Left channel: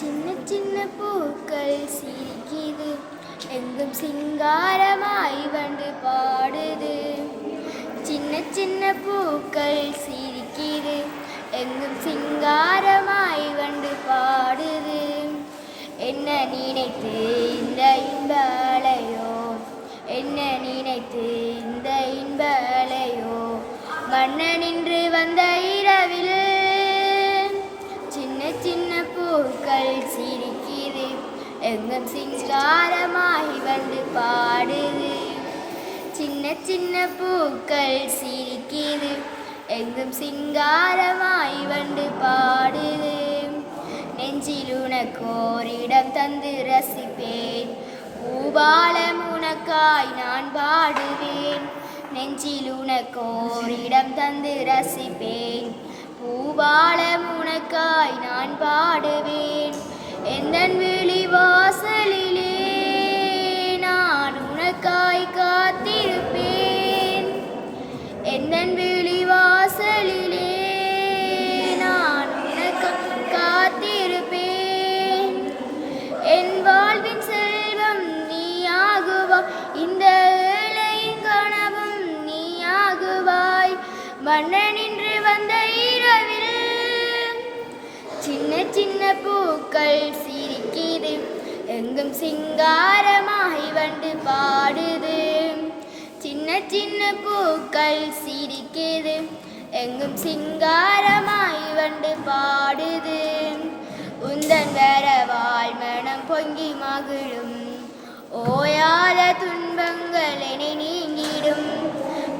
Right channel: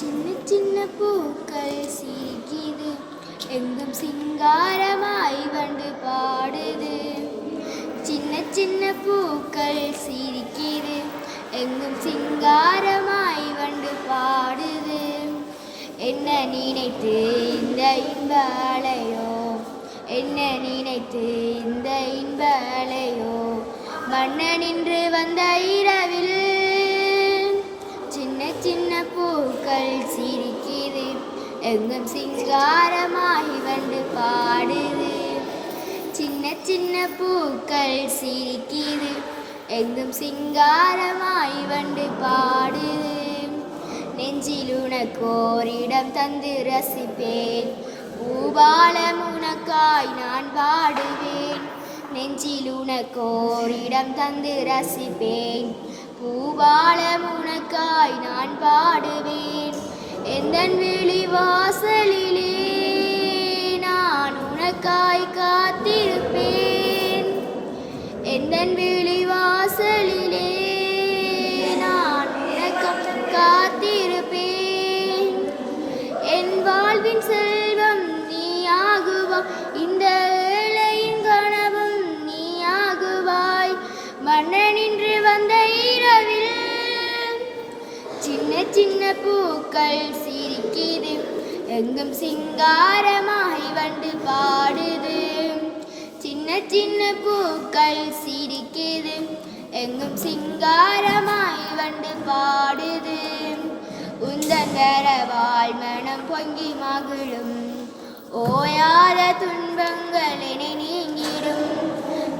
சின்ன சின்ன பூக்கள் சிரிக்குது. எங்கும் சிங்காரமாய் வந்து பாடுது. சின்ன சின்ன பூக்கள் சிரிக்குது. எங்கும் சிங்காரமாய் வந்து பாடுது. என்ன நினைத்து இந்த இன்பலையோ? என்ன நினைத்து இந்த இன்பலையோ? மன்னனின்று வந்த இரவில் എന്നും സിംഗാരമായി வந்து பாடுது சின்ன சின்ன பூக்கள் சிரிக்குது எங்கும் சிங்காரமாய் வந்து பாடுது நெஞ்சில் உனக்கோரிடம் தந்து ரசிப்பேன் பூபாலம் உனக்காய் நான் பாடுவேன் நெஞ்சில் உனக்கோரிடம் தந்து ரசிப்பேன் பூபாலம் உனக்காய் நான் பாடுவேன் எந்தன் விழி வாசலிலே நான் உனக்காய் காத்திருப்பேன். எந்தன் விழி வாசலிலே நான் உனக்கு காத்திருப்பேன். என் வாழ்வின் செல்வம் நீ ஆகுவா இந்த ஏழையின் கனவும் நீ ஆகுவாய் மன்னனின்று வந்த இரவில் சின்ன சின்ன பூக்கள் சிரிக்குது. எங்கும் சிங்காரமாய் வந்து பாடுது. சின்ன சின்ன பூக்கள் சிரிக்குது. எங்கும் சிங்காரமாய் வந்து பாடுது. உந்தன் வரவாய் மனம் பொங்கி மகிழும். ஓயாத துன்பங்கள் என நீங்கிடும்.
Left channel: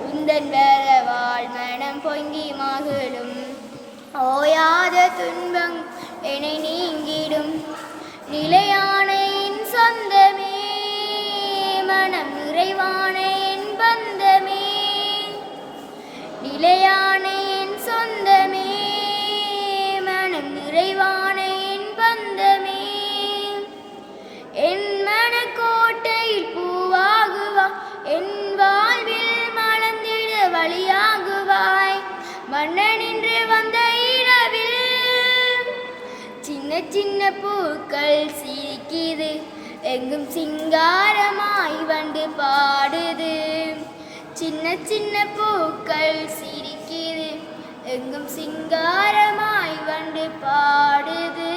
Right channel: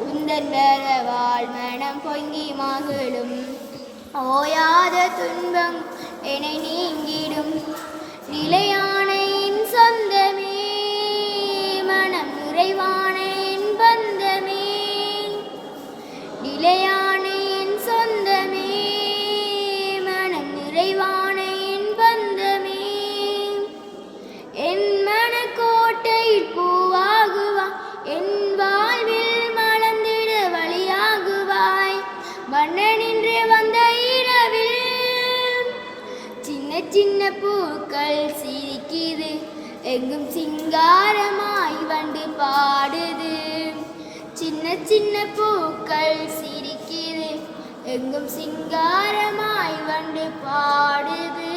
உந்தன் வரவாய் மனம் பொங்கி மகிழும். ஓயாத துன்பம் என நீங்கிடும். நிலையான என் சொந்தமே மனம் நிறைவான என் பந்தமே. நிலையான என் சொந்தமே சின்ன பூக்கள் சிரிக்குது. எங்கும் சிங்காரமாய் வந்து பாடுது. சின்ன சின்ன பூக்கள் சிரிக்குது. எங்கும் சிங்காரமாய் வந்து பாடுது.